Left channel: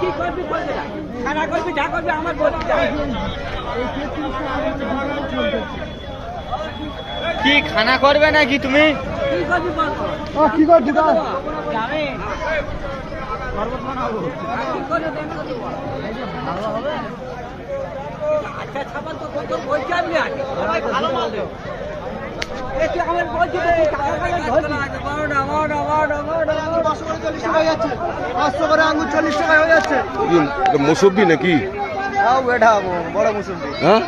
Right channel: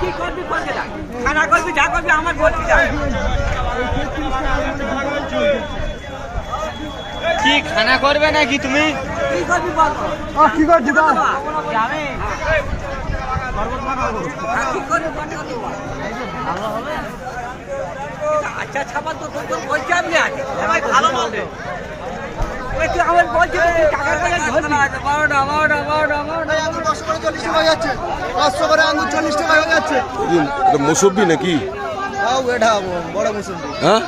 কি করবি বলতে খানা করবি যা করবি আমার বলছি যা কি খানা করবে নাকি তুমি? কি করবি বল কি করছি কত কি করবি বল আচ্ছা ছাপাল তো তোর বলছি আমি আজ ভালো বলবে। আমার বলছি হয়ে নাকি? তাও এটা বড় মুসুন্দি হ্যাঁ?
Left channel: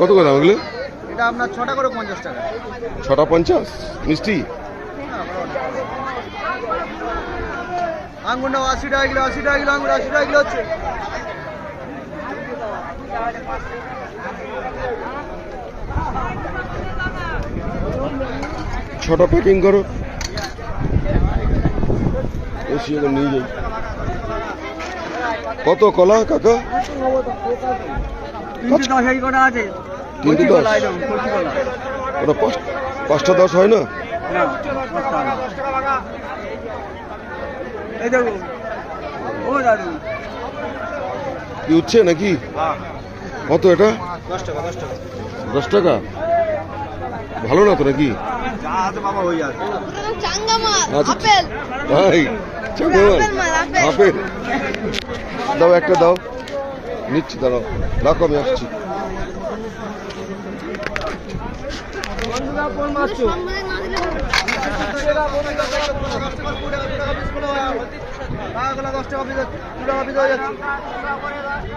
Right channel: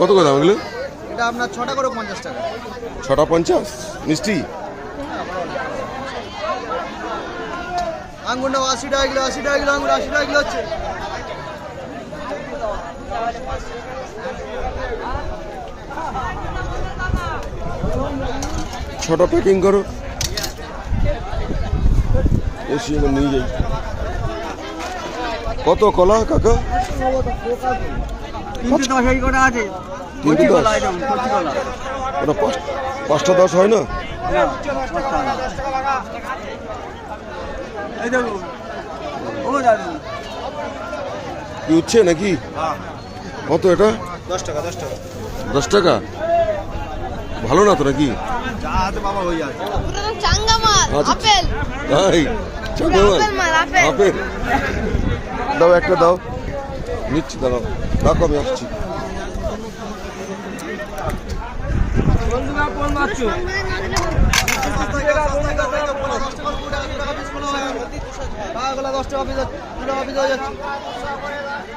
কত কথা দাম এটা আপনার ছটা করে পঞ্চাশ টাকা। ছটা পঞ্চাশ? মিষ্টি? আঙ্গুর নাও আশি টাকা কিলো আশি টাকা কিলো আঙ্গুর আশি টাকা কিলো হচ্ছে। ছটা প্যাকিং করো। নিয়ে যাই। কত কলা কাকা? ওটা পাঁচ পাঁচটা দশ হয় না। এই দেখুন ও দাদু। কি উঠছে নাকি? কত এটা? দশ টাকা ভালো না তো নাকি? আচ্ছা। আপেল। দাও, একটা দাও। নিচ্ছি, দাঁড়াও। রাখো, আমি আসছি। দশ টাকা পিস হয়ে যাচ্ছে।